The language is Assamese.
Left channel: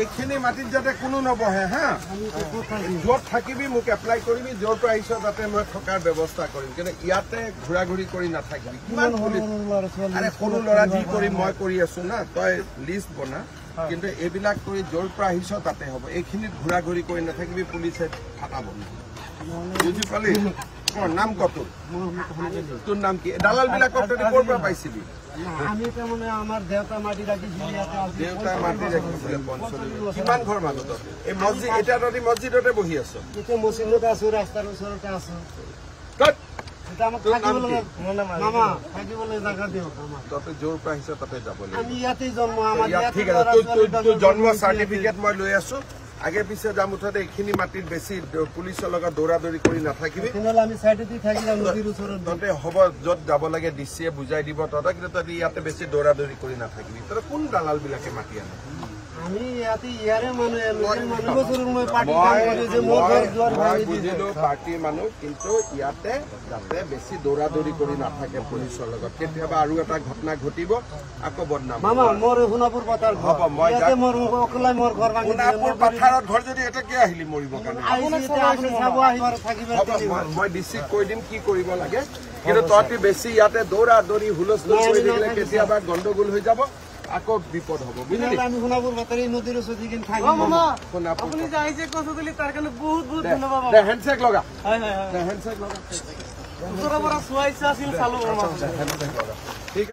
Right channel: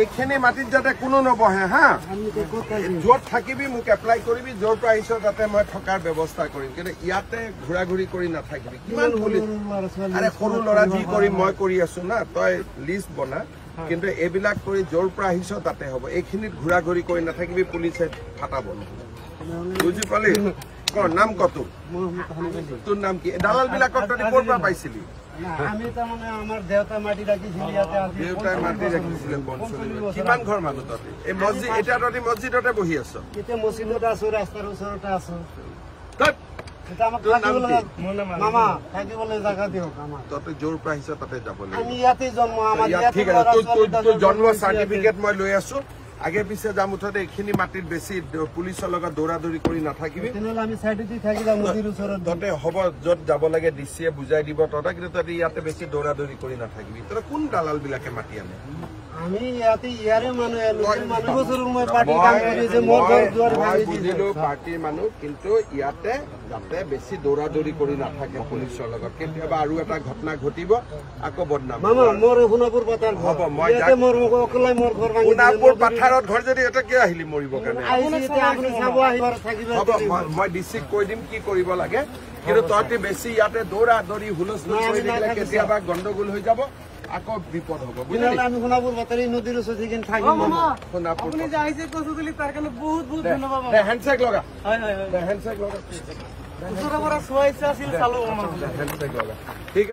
এইখিনি মাটিত যাতে কোনো নবহে হা য'ত থাকিবি মোক এপ্লাই কৰিবি য'ৰ পৰা আহিছ তাতে মই থকাৰ ব্যৱস্থা কৰিম কিন্তু ইয়াতে ঘূৰা ঘূৰি কৰি নাথাকিবি কিমান আৰে সৰু ল'ৰা যি কৰিম মই কৰি আছো না তই লিষ্ট বনা কিন্তু এইবিলাক কৰি য'ৰ পৰা আহিছ তাতে হ'ব এইখিনিত ঘূৰা ঘূৰি কৰি নাথাকিবি পুলিচে ফাটাব বুজি পালি নাম কত তোৰ নাম কি দালাল বিলাকক তই ক'ৰ পৰা পাইছিলি আমি তাৰমানে আমাৰ দেউতা মাটি ৰাখিছিল ইয়াতে দেউতাই মাটি ৰাখিছিলে কিমান ঘৰ মানুহ তহঁতি এই মছজিদ এতিয়া তহঁতি মছজিদতে বহি আছ এতিয়া মছজিদত আছো ৰাস্তাৰ ওচৰতে আছো মামা থাকিবলৈ জাগা দিয়ক তহঁতি য'ৰ পৰা আহিছ তাতে যাব লাগিব আমি ইয়াতে জন্ম আমাৰ ঠিক আছে তোৰ জন্ম চাৰ্টিফিকেট মই লৈ আছো আগে পিছে যাম মুঠতে এইখিনি মাটিত বেছি পুলিচৰ লগত দৌৰা দৌৰি কৰি নাথাকিবি আমি চাইডতে থাকিলে নদীৰ ওচৰত তহঁতে হ'ব য'ত যাব লাগে ডিচিয়ে বুজাই দিব তহঁতে কিন্তু তহঁতি ইয়াতে বেছি দৌৰা দৌৰি কৰি নাথাকিবি তহঁতে কোন দালাল বিলাকে মাতি আনে আমি ইয়াতে ইয়াৰে মানুহ বুজিলো পাৰ্টীৰ মানুহ কিন্তু ইয়াতে যাতে বেছি দৌৰা দৌৰি কৰি নাথাকে পুলিচৰ লগত কেতিয়াবা আৰু এটা ঘটনা ঘটিব আকৌ বদনাম মোৰ সোণাপুৰ পথাৰ হ'ব মই সোণাপুৰ পথাৰত ঘৰ যদি এটা কিয় আহিলি মৰিবৰ কাৰণে হ'ব মই ডিচিক কৈ দিম কি কৰিব লাগে কিন্তু তহঁতি বেছি ইয়াতে দৌৰা দৌৰি হুলস্থুল কৰি থাকিলে কেতিয়াবা গণ্ডগোল হৈ যাব আকৌ বিপদ হ'ব বুজিলি আমি সোণাপুৰ বাতৰি নদীৰ ওচৰত থাকিম সোণাপুৰ বহুত বহুত ধন্যবাদ হেণ্ডশেক লগা হয় হেণ্ডশেক লগা ওচৰৰ পৰা চোৱাইছে আছিল চালো হেণ্ডশেক লগা ঠিক